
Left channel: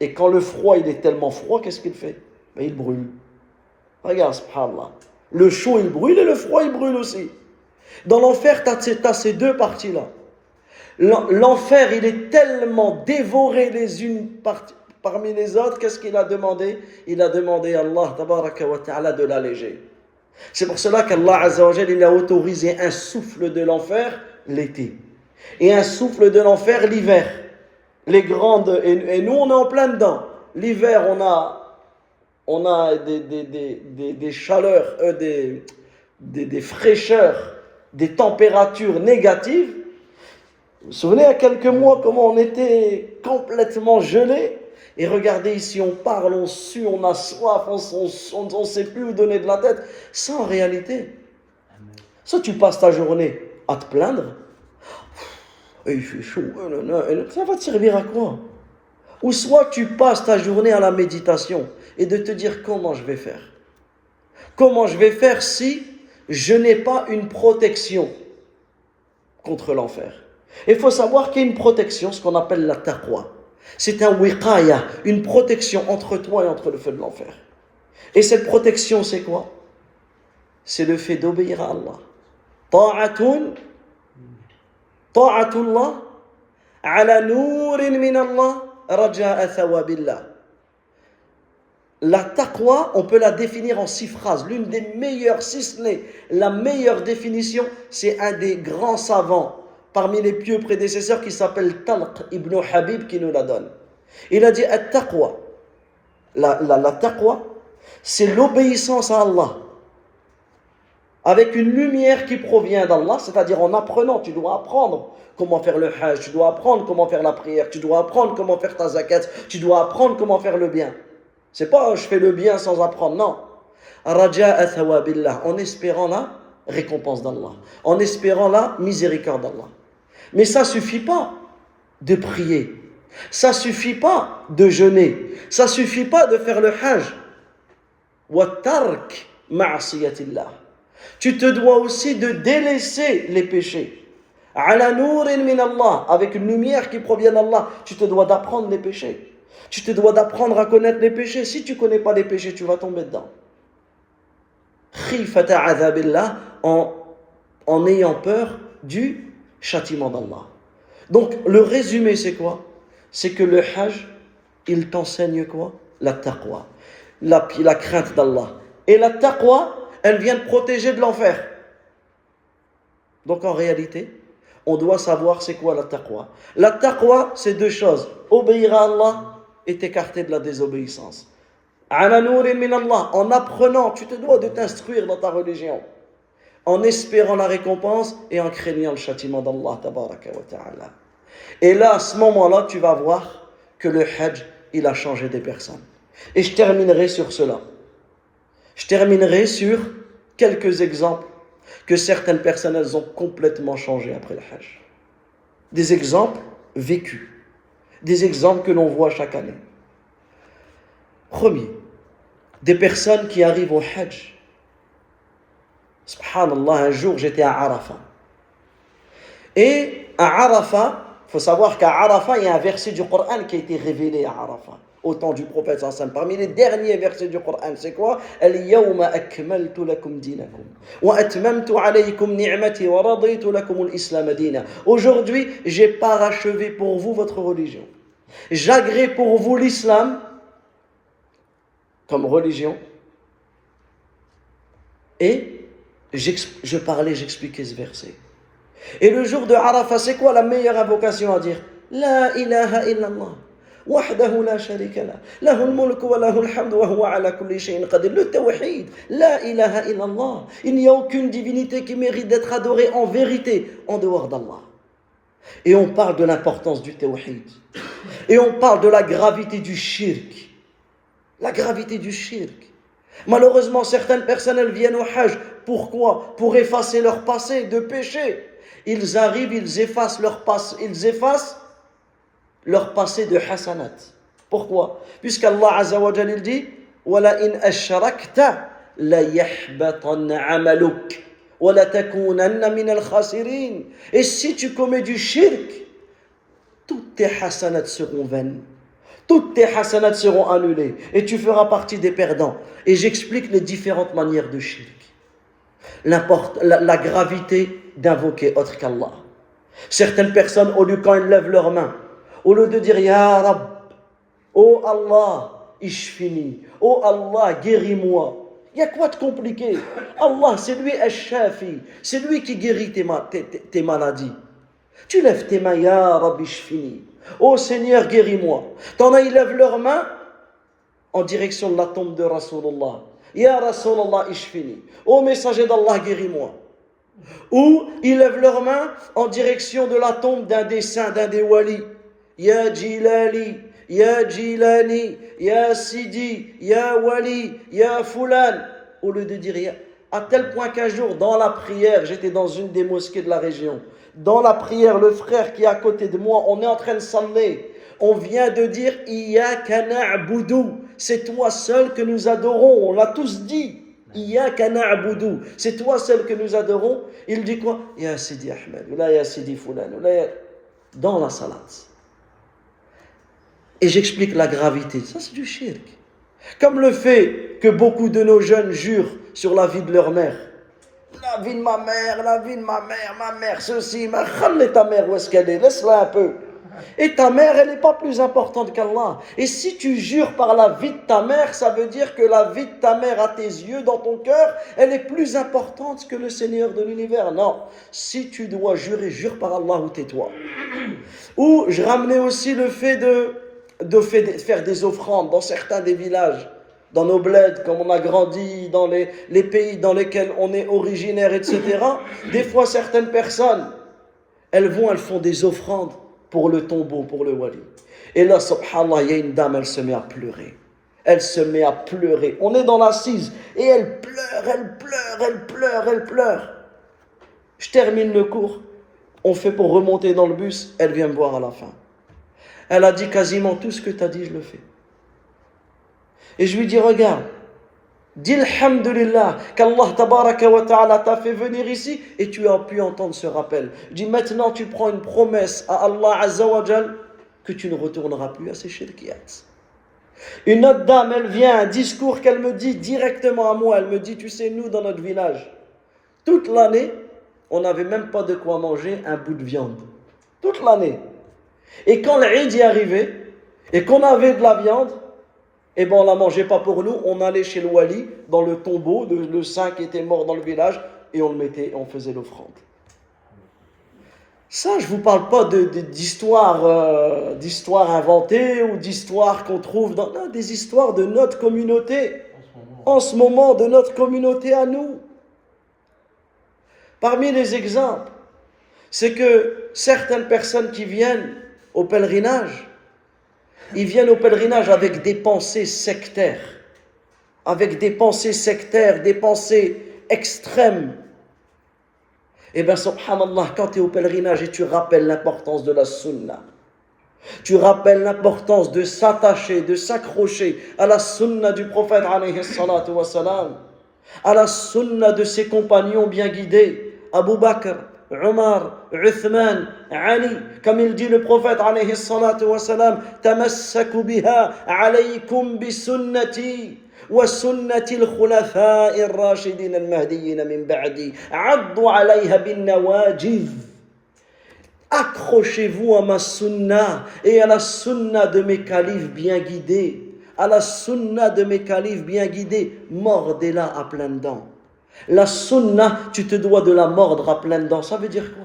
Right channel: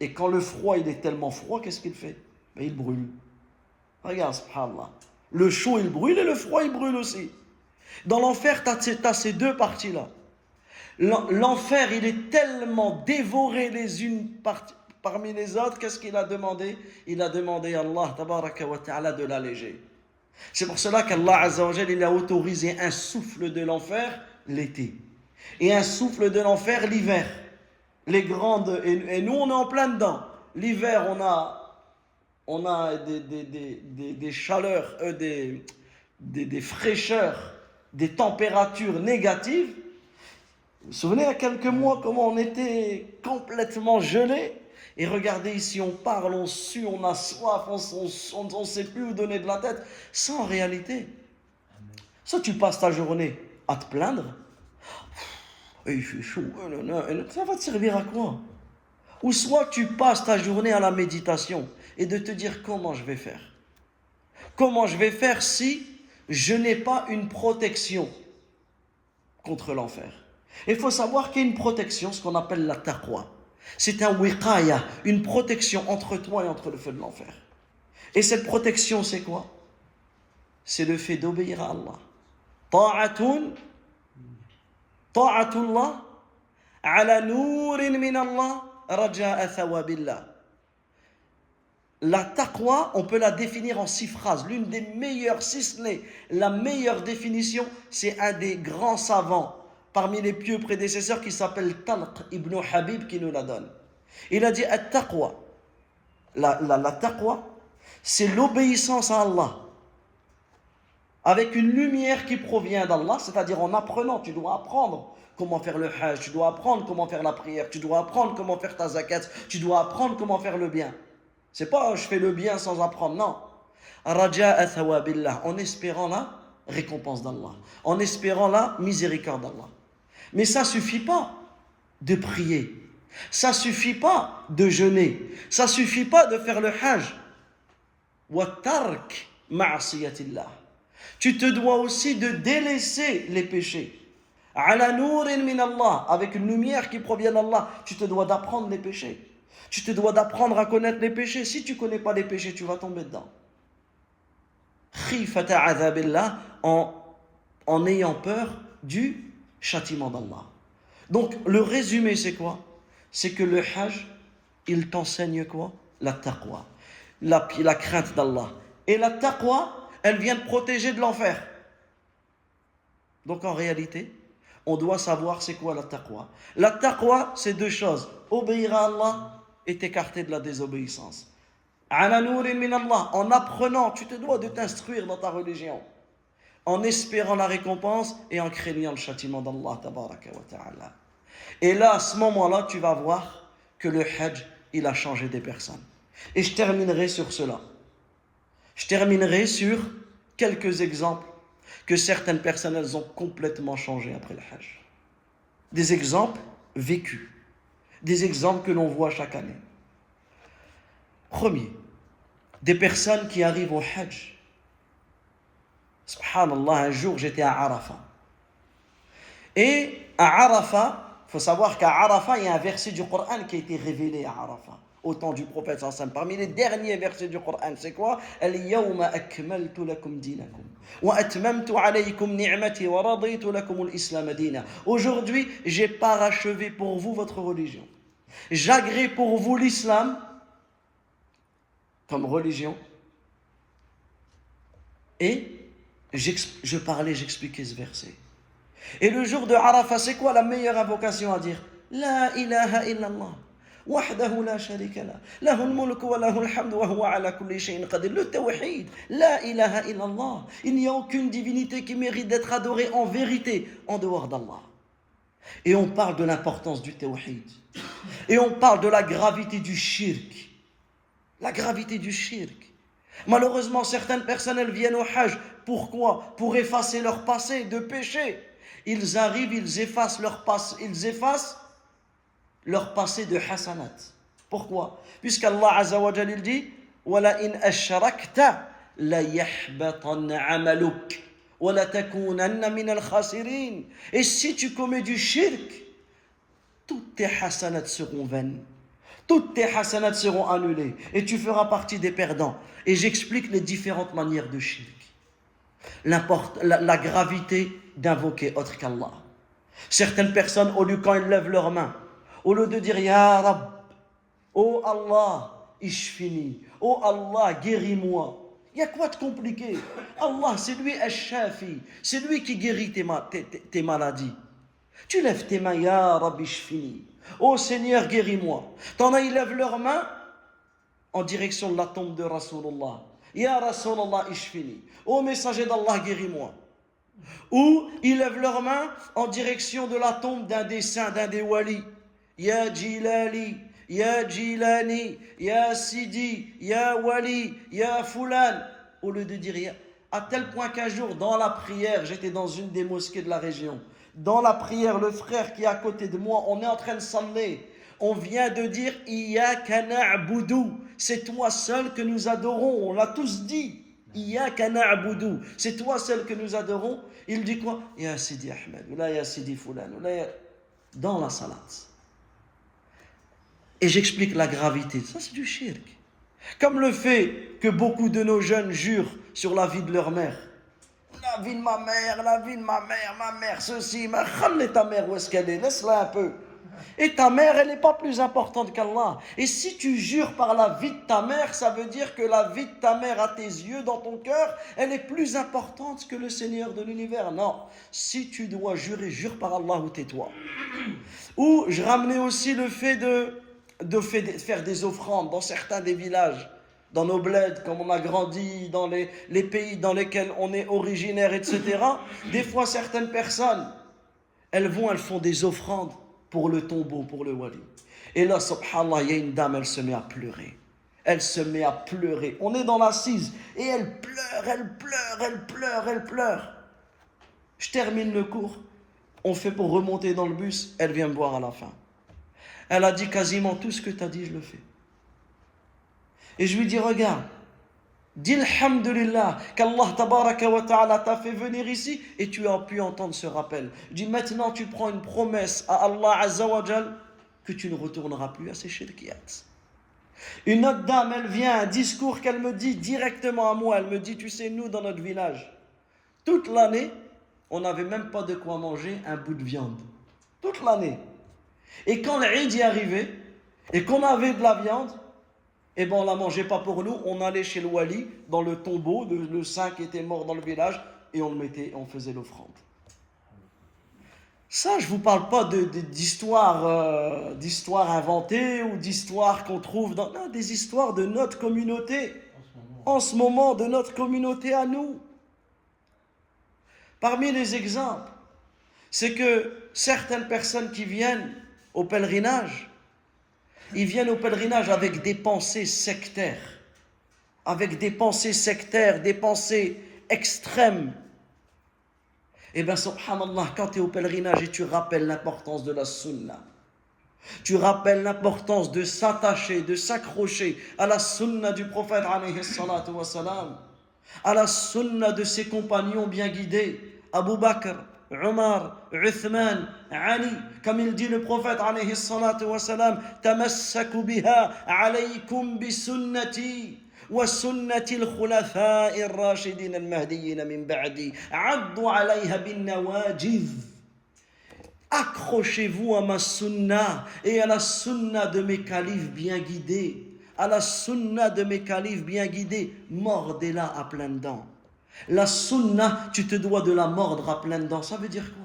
Et quand le froid, il est tellement froid, qu'est-ce qu'il fait? Ben, il brûle. Regarde, subhanallah. Le chaud, il brûle et le froid, il brûle aussi. Dans l'enfer, tu as ces deux parties-là. L'enfer, il est tellement dévoré les unes parmi les autres, qu'est-ce qu'il a demandé? Il a demandé à Allah, tabaraka wa ta'ala, de l'alléger. C'est pour cela qu'Allah Azza wa Jalla, il a autorisé un souffle de l'enfer l'été et un souffle de l'enfer l'hiver. Les grandes, et nous on est en plein dedans. L'hiver on a des chaleurs, des fraîcheurs, des températures négatives. Vous vous souvenez il y a quelques mois comment on était complètement gelés? Et regardez ici, on parle, on sue, on a soif, on ne sait plus où donner de la tête. Ça, en réalité, ça, tu passes ta journée à te plaindre. Et il fait chaud, ça va te servir à quoi? Ou soit tu passes ta journée à la méditation et de te dire comment je vais faire. Comment je vais faire si je n'ai pas une protection contre l'enfer? Il faut savoir qu'il y a une protection, ce qu'on appelle la taqwa. C'est un wiqaya, une protection entre toi et entre le feu de l'enfer. Et cette protection, c'est quoi? C'est le fait d'obéir à Allah. Ta'atullah ala nourin min Allah raja'a thawabillah. La taqwa, on peut la définir en 6 phrases. L'une des meilleures, si ce n'est la meilleure définition, c'est un des grands savants parmi les pieux prédécesseurs qui s'appelle Talq ibn Habib qui nous la donne. Il a dit at-taqwa. La taqwa, c'est l'obéissance à Allah avec une lumière qui provient d'Allah, c'est-à-dire en apprenant, tu dois apprendre comment faire le hajj, tu dois apprendre comment faire la prière, tu dois apprendre comment faire ta zakat, tu dois apprendre comment faire le bien. C'est pas je fais le bien sans apprendre, non. Raja'a thawabillah, en espérant la récompense d'Allah, en espérant la miséricorde d'Allah. Mais ça suffit pas de prier, ça suffit pas de jeûner, ça suffit pas de faire le hajj. Wa tark ma'asiyatillah. Tu te dois aussi de délaisser les péchés. Ala nourin min Allah, avec une lumière qui provient d'Allah, tu te dois d'apprendre les péchés. Tu te dois d'apprendre à connaître les péchés. Si tu ne connais pas les péchés, tu vas tomber dedans. Khifata adhabillah, en ayant peur du châtiment d'Allah. Donc, le résumé, c'est quoi? C'est que le hajj, il t'enseigne quoi? La taqwa, la crainte d'Allah. Et la taqwa, elle vient te protéger de l'enfer. Donc, en réalité, on doit savoir c'est quoi la taqwa. La taqwa, c'est 2 choses. Obéir à Allah et t'écarter de la désobéissance. Ala nourin min Allah, en apprenant, tu te dois de t'instruire dans ta religion, en espérant la récompense et en craignant le châtiment d'Allah tabaraka wa ta'ala. Et là, à ce moment-là, tu vas voir que le hajj, il a changé des personnes. Et je terminerai sur cela. Je terminerai sur quelques exemples que certaines personnes, elles ont complètement changé après le hajj. Des exemples vécus. Des exemples que l'on voit chaque année. Premier, des personnes qui arrivent au hajj. Subhanallah, un jour j'étais à Arafat. Et à Arafat, il faut savoir qu'à Arafat, il y a un verset du Coran qui a été révélé à Arafat, au temps du prophète sallallahu alayhi wa sallam. Parmi les derniers versets du Coran, c'est quoi? Al-yawma akmaltu lakum dinakum wa atmamtu alaykum ni'mati wa raditu lakum al-islam dina. Aujourd'hui, j'ai parachevé pour vous votre religion. J'agrée pour vous l'islam comme religion. Et j'expliquais ce verset. Et le jour de Arafat, c'est quoi la meilleure invocation à dire? La ilaha illallah. وحده لا شريك له له الملك وله الحمد وهو على كل شيء قدير. Le tawhid, la ilaha illallah. Il n'y a aucune divinité qui mérite d'être adorée en vérité en dehors d'Allah. Et on parle de l'importance du tawhid. Et on parle de la gravité du shirk. La gravité du shirk. Malheureusement, certaines personnes, elles viennent au hajj. Pourquoi? Pour effacer leur passé de péché. Ils arrivent, ils effacent leur passé de hasanat. Pourquoi? Puisqu'Allah Azza wa Jal dit وَلَا إِنْ أَشْرَكْتَ لَيَحْبَطَنَّ عَمَلُكَ وَلَا تَكُونَنَّ مِنَ الْخَاسِرِينَ. Et si tu commets du shirk, toutes tes hasanats seront vaines. Toutes tes hasanats seront annulées et tu feras partie des perdants. Et j'explique les différentes manières de shirk. La gravité d'invoquer autre qu'Allah. Certaines personnes, au lieu quand elles lèvent leurs mains, au lieu de dire Ya Rab, oh Allah, ishfini, oh Allah, guéris-moi. Il y a quoi de compliqué? Allah, c'est lui Ash-Shafi, c'est lui qui guérit tes maladies. Tu lèves tes mains, Ya Rab, ishfini. Oh Seigneur, guéris-moi. T'en as, ils lèvent leurs mains en direction de la tombe de Rasulullah. Ya Rasulullah, ishfini. Oh messager d'Allah, guéris-moi. Ou ils lèvent leurs mains en direction de la tombe d'un des saints, d'un des walis. Ya Jilali, Ya Jilani, Ya Sidi, Ya Wali, Ya Fulan. Au lieu de dire, à tel point qu'un jour, dans la prière, j'étais dans une des mosquées de la région. Dans la prière, le frère qui est à côté de moi, on est en train de saller. On vient de dire Iyyaka na'budu. C'est toi seul que nous adorons. On l'a tous dit. Iyyaka na'budu. C'est toi seul que nous adorons. Il dit quoi? Ya Sidi Ahmed, ou là ya Sidi Fulan, ou là ya... Dans la salat. Et j'explique la gravité. Ça, c'est du shirk. Comme le fait que beaucoup de nos jeunes jurent sur la vie de leur mère. La vie de ma mère, la vie de ma mère, ceci, ma khalle ta mère, où est-ce qu'elle est? Laisse-la un peu. Et ta mère, elle n'est pas plus importante qu'Allah. Et si tu jures par la vie de ta mère, ça veut dire que la vie de ta mère à tes yeux, dans ton cœur, elle est plus importante que le Seigneur de l'univers. Non. Si tu dois jurer, jure par Allah ou tais-toi. Ou je ramenais aussi le fait de faire des offrandes dans certains des villages, dans nos bleds, comme on a grandi, dans les pays dans lesquels on est originaire, etc. Des fois, certaines personnes, elles font des offrandes pour le tombeau, pour le wali. Et là, subhanallah, il y a une dame, elle se met à pleurer. Elle se met à pleurer. On est dans l'assise et elle pleure. Je termine le cours. On fait pour remonter dans le bus. Elle vient me voir à la fin. Elle a dit quasiment tout ce que tu as dit, je le fais. Et je lui dis, regarde, dis alhamdulillah qu'Allah tabaraka wa ta'ala t'a fait venir ici et tu as pu entendre ce rappel. Je dis, maintenant tu prends une promesse à Allah azza wa jal que tu ne retourneras plus à ces shirkiyats. Une autre dame, elle vient, un discours qu'elle me dit directement à moi. Elle me dit, tu sais, nous dans notre village, toute l'année, on n'avait même pas de quoi manger un bout de viande. Toute l'année. Et quand l'Eid y arrivait, et qu'on avait de la viande, eh ben on la mangeait pas pour nous, on allait chez le wali, dans le tombeau, le saint qui était mort dans le village, et on le mettait, on faisait l'offrande. Ça, je vous parle pas d'histoires inventées, ou d'histoires qu'on trouve dans... Non, des histoires de notre communauté, en ce moment, de notre communauté à nous. Parmi les exemples, c'est que certaines personnes qui viennent au pèlerinage, ils viennent au pèlerinage avec des pensées sectaires, des pensées extrêmes. Eh bien, subhanallah, quand tu es au pèlerinage et tu rappelles l'importance de la sunna, tu rappelles l'importance de s'attacher, de s'accrocher à la sunna du prophète, alayhi salatu wa salam, à la sunna de ses compagnons bien guidés, Abu Bakr, Omar, Uthman, Ali, comme il dit le prophète alayhi salatu wa salam, tamassaku biha alaykum bi sunnati wa sunnati al-khulafa'i ar-rashidin al-mahdiyyin min ba'di addu alayha bin nawajidh. Accrochez-vous à ma sunna et à la sunna de mes califes bien guidés, mordez-la à pleines dents. La sunna, tu te dois de la mordre à pleines dents. Ça veut dire quoi?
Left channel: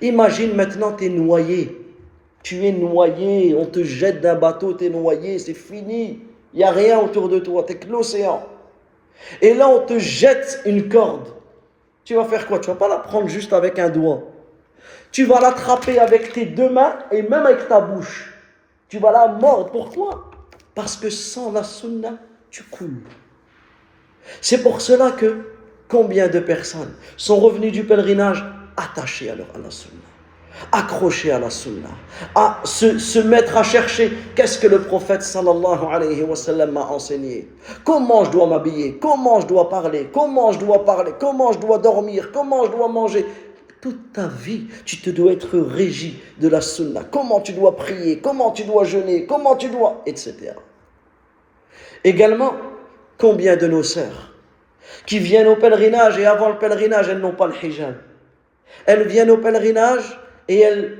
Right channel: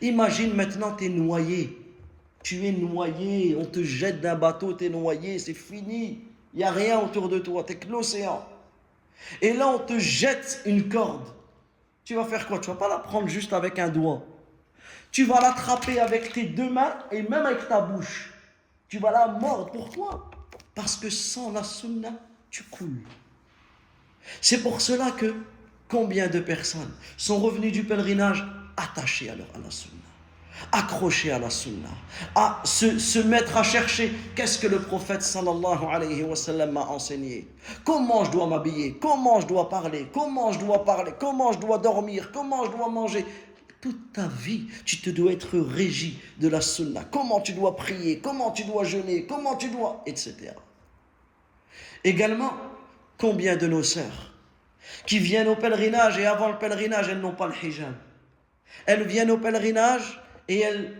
Imagine maintenant, tu es noyé. On te jette d'un bateau, tu es noyé, c'est fini. Il n'y a rien autour de toi, tu es que l'océan. Et là, on te jette une corde. Tu vas faire quoi? Tu ne vas pas la prendre juste avec un doigt. Tu vas l'attraper avec tes deux mains et même avec ta bouche. Tu vas la mordre. Pourquoi? Parce que sans la sunna, tu coules. C'est pour cela que combien de personnes sont revenues du pèlerinage attachées à la sunna, accrochées à la sunna, à se mettre à chercher qu'est-ce que le prophète sallallahu alayhi wa sallam m'a enseigné, comment je dois m'habiller, comment je dois parler, comment je dois dormir, comment je dois manger. Toute ta vie, tu te dois être régi de la sunna. Comment tu dois prier, comment tu dois jeûner, etc. Également, combien de nos sœurs qui viennent au pèlerinage et avant le pèlerinage, elles n'ont pas le hijab. Elles viennent au pèlerinage et elles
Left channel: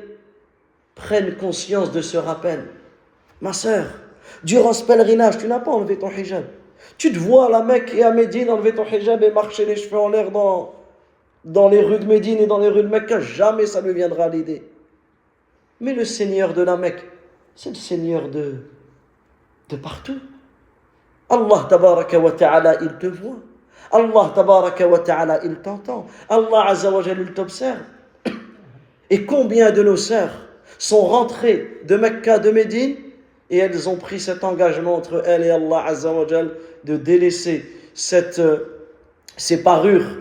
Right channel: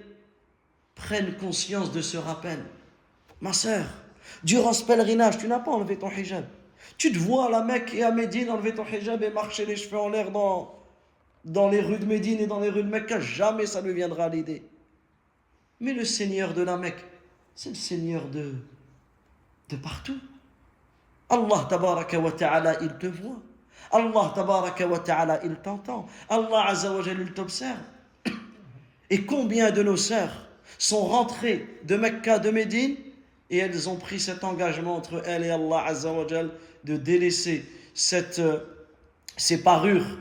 prennent conscience de ce rappel. Ma sœur, durant ce pèlerinage, tu n'as pas enlevé ton hijab. Tu te vois à la Mecque et à Médine enlever ton hijab et marcher les cheveux en l'air dans les rues de Médine et dans les rues de Mecque. Jamais ça ne viendra à l'idée. Mais le Seigneur de la Mecque, c'est le Seigneur de partout. Allah tabaraka wa ta'ala, il te voit. Allah tabaraka wa ta'ala, il t'entend. Allah azza wa jalla, il t'observe. Et combien de nos sœurs sont rentrées de Mecca, de Médine, et elles ont pris cet engagement entre elles et Allah azza wa jalla de délaisser ces parures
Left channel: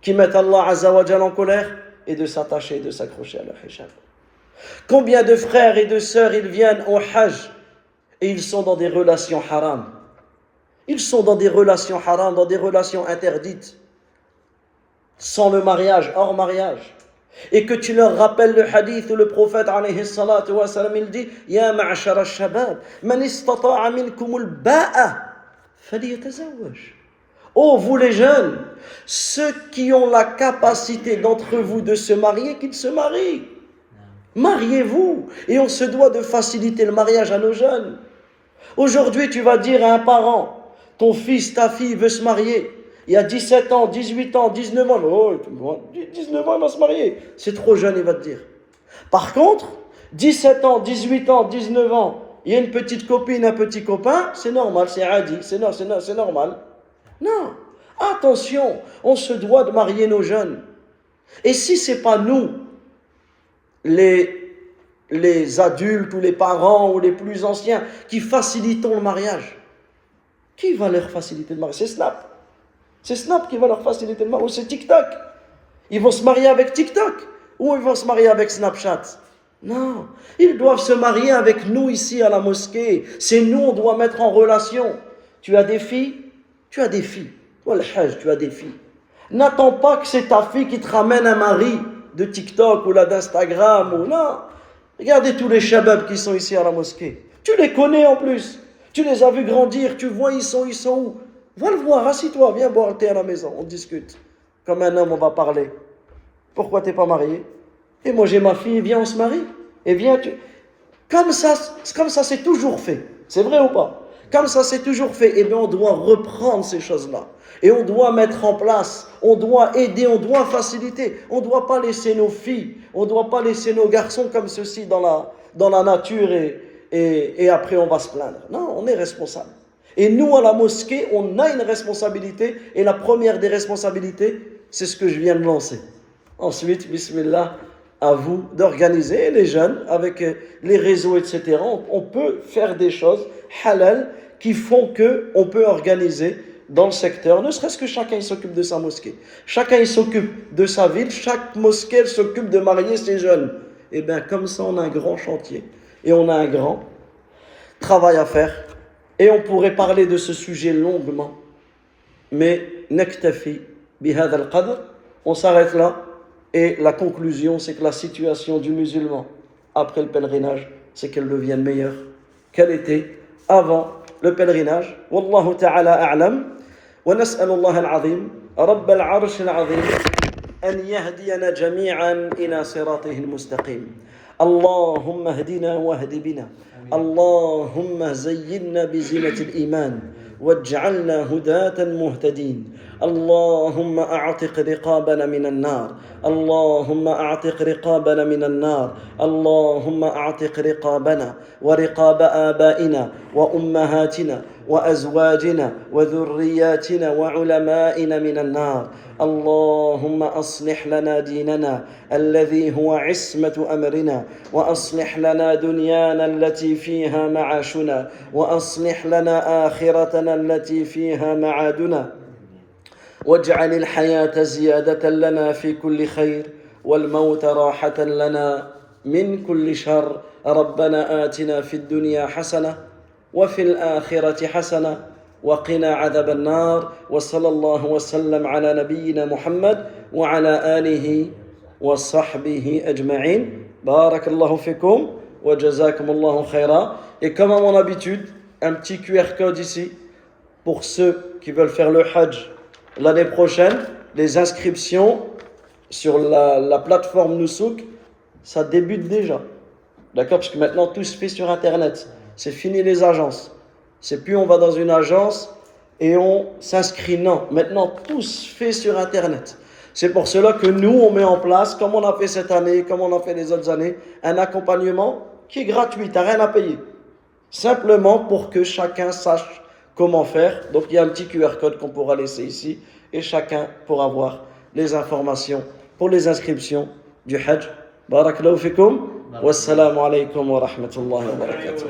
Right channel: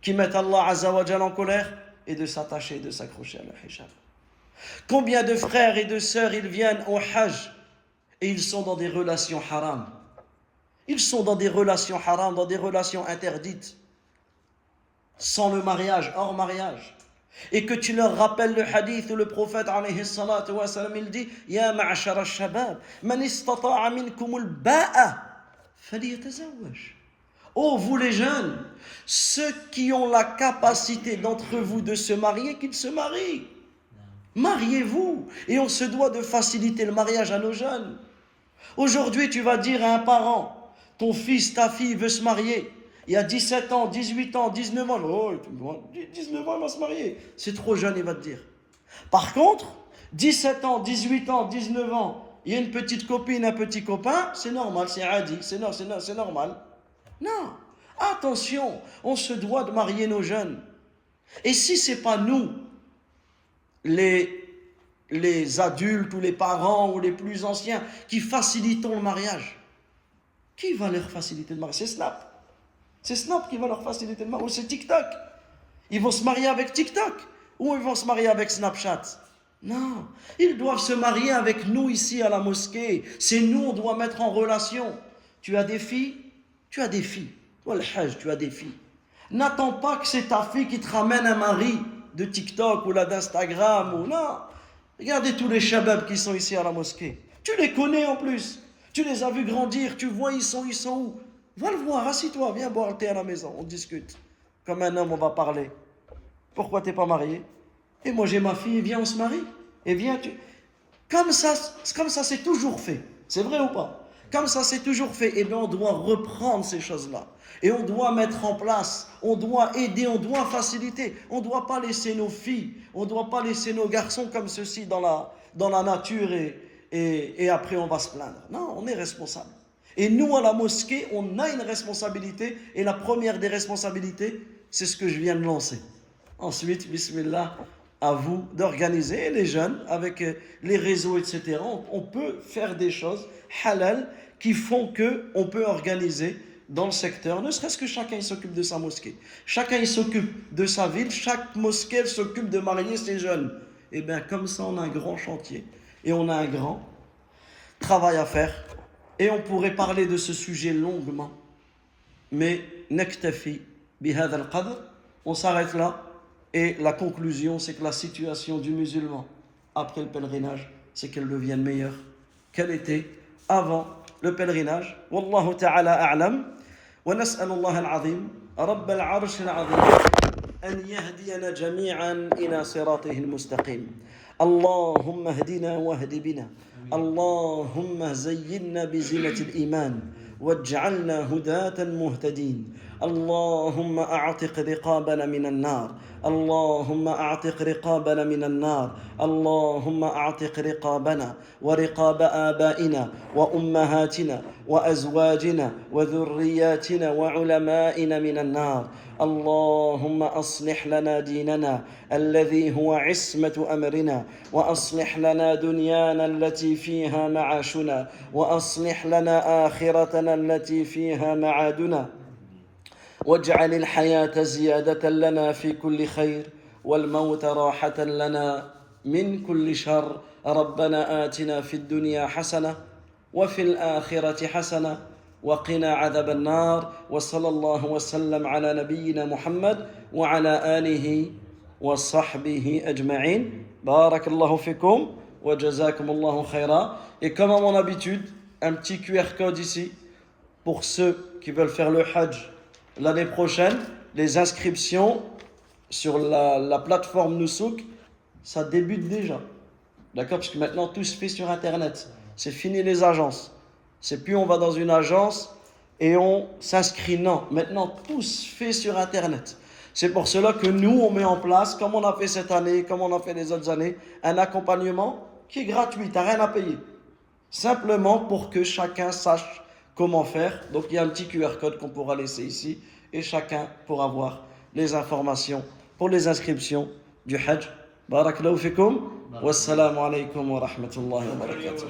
qui mettent Allah azza wa jalla en colère et de s'attacher et de s'accrocher à leur hijab. Combien de frères et de sœurs ils viennent au hajj et ils sont dans des relations haram. Ils sont dans des relations haram, dans des relations interdites, sans le mariage, hors mariage. Et que tu leur rappelles le hadith où le prophète alayhi salatu wa salam, il dit Ya ma'ashar al-shabab, man istata'a minkum al-ba'a, falyatazawwaj. Oh, vous les jeunes, ceux qui ont la capacité d'entre vous de se marier, qu'ils se marient. Mariez-vous. Et on se doit de faciliter le mariage à nos jeunes. Aujourd'hui, tu vas dire à un parent, ton fils, ta fille veut se marier. Il y a 17 ans, 18 ans, 19 ans. Oh, 19 ans, il va se marier. C'est trop jeune, il va te dire. Par contre, 17 ans, 18 ans, 19 ans, il y a une petite copine, un petit copain, c'est normal, c'est adi, c'est normal. Non, attention, on se doit de marier nos jeunes. Et si ce n'est pas nous, les adultes ou les parents ou les plus anciens qui facilitons le mariage, qui va leur faciliter le mariage? C'est Snap. C'est Snap qui va leur faciliter le mariage. Ou c'est TikTok. Ils vont se marier avec TikTok. Ou ils vont se marier avec Snapchat. Non, ils doivent se marier avec nous ici à la mosquée. C'est nous, on doit mettre en relation. Tu as des filles? Tu as des filles. Toi, le hajj, tu as des filles. N'attends pas que c'est ta fille qui te ramène un mari de TikTok ou là d'Instagram ou non. Regardez tous les shababs qui sont ici à la mosquée. Tu les connais en plus. Tu les as vus grandir. Tu vois, ils sont où? Va le voir, assis-toi, viens boire le thé à la maison. On discute. Comme un homme, on va parler. Pourquoi tu n'es pas marié? Et moi, j'ai ma fille, viens, on se marie. Et viens, Comme ça, c'est toujours fait. C'est vrai ou pas? Comme ça, c'est toujours fait. Eh bien, on doit reprendre ces choses-là. Et on doit mettre en place, on doit aider, on doit faciliter. On ne doit pas laisser nos filles, on ne doit pas laisser nos garçons comme ceci dans la nature et après on va se plaindre. Non, on est responsable. Et nous, à la mosquée, on a une responsabilité. Et la première des responsabilités, c'est ce que je viens de lancer. Ensuite, bismillah, à vous d'organiser les jeunes avec les réseaux, etc. On peut faire des choses halal qui font qu'on peut organiser dans le secteur, ne serait-ce que chacun s'occupe de sa mosquée. Chacun s'occupe de sa ville, chaque mosquée s'occupe de marier ses jeunes. Et bien comme ça, on a un grand chantier et on a un grand travail à faire. Et on pourrait parler de ce sujet longuement. Mais naktafi bihad al-qadr, on s'arrête là. Et la conclusion, c'est que la situation du musulman après le pèlerinage, c'est qu'elle devienne meilleure qu'elle était avant le pèlerinage. Wallahu ta'ala a'lam. ونسأل الله العظيم رب العرش العظيم أن يهدينا جميعا إلى صراطه المستقيم. اللهم اهدنا واهد بنا. اللهم زينا بزينة الإيمان واجعلنا هداة مهتدين. اللهم أعتق رقابنا من النار. اللهم أعتق رقابنا من النار. اللهم أعتق رقابنا ورقاب آبائنا وأمهاتنا وأزواجنا وذرياتنا وعلمائنا من النار. اللهم أصلح لنا ديننا الذي هو عصمة أمرنا وأصلح لنا دنيانا التي فيها معاشنا وأصلح لنا آخرتنا التي فيها معادنا واجعل الحياة زيادة لنا في كل خير والموت راحة لنا من كل شر. ربنا آتنا في الدنيا حسنة وفي الآخرة حسنة وقنا عذاب النار. وصلى الله وسلم على نبينا محمد وعلى آله وصحبه أجمعين. بارك الله فيكم وجزاكم الله خيرا. Et comme à mon habitude, un petit QR code ici pour ceux qui veulent faire le Hajj l'année prochaine. Les inscriptions sur la plateforme Nusouk, ça débute déjà. D'accord? Parce que maintenant tout se fait sur Internet. C'est fini les agences. C'est plus on va dans une agence et on s'inscrit. Non, maintenant tout se fait sur Internet. C'est pour cela que nous, on met en place, comme on a fait cette année, comme on a fait les autres années, un accompagnement qui est gratuit, tu n'as rien à payer. Simplement pour que chacun sache comment faire. Donc il y a un petit QR code qu'on pourra laisser ici et chacun pourra voir les informations pour les inscriptions du Hajj. Barakallahu fikum. Wassalamu alaikum wa rahmatullahi wa barakatuh.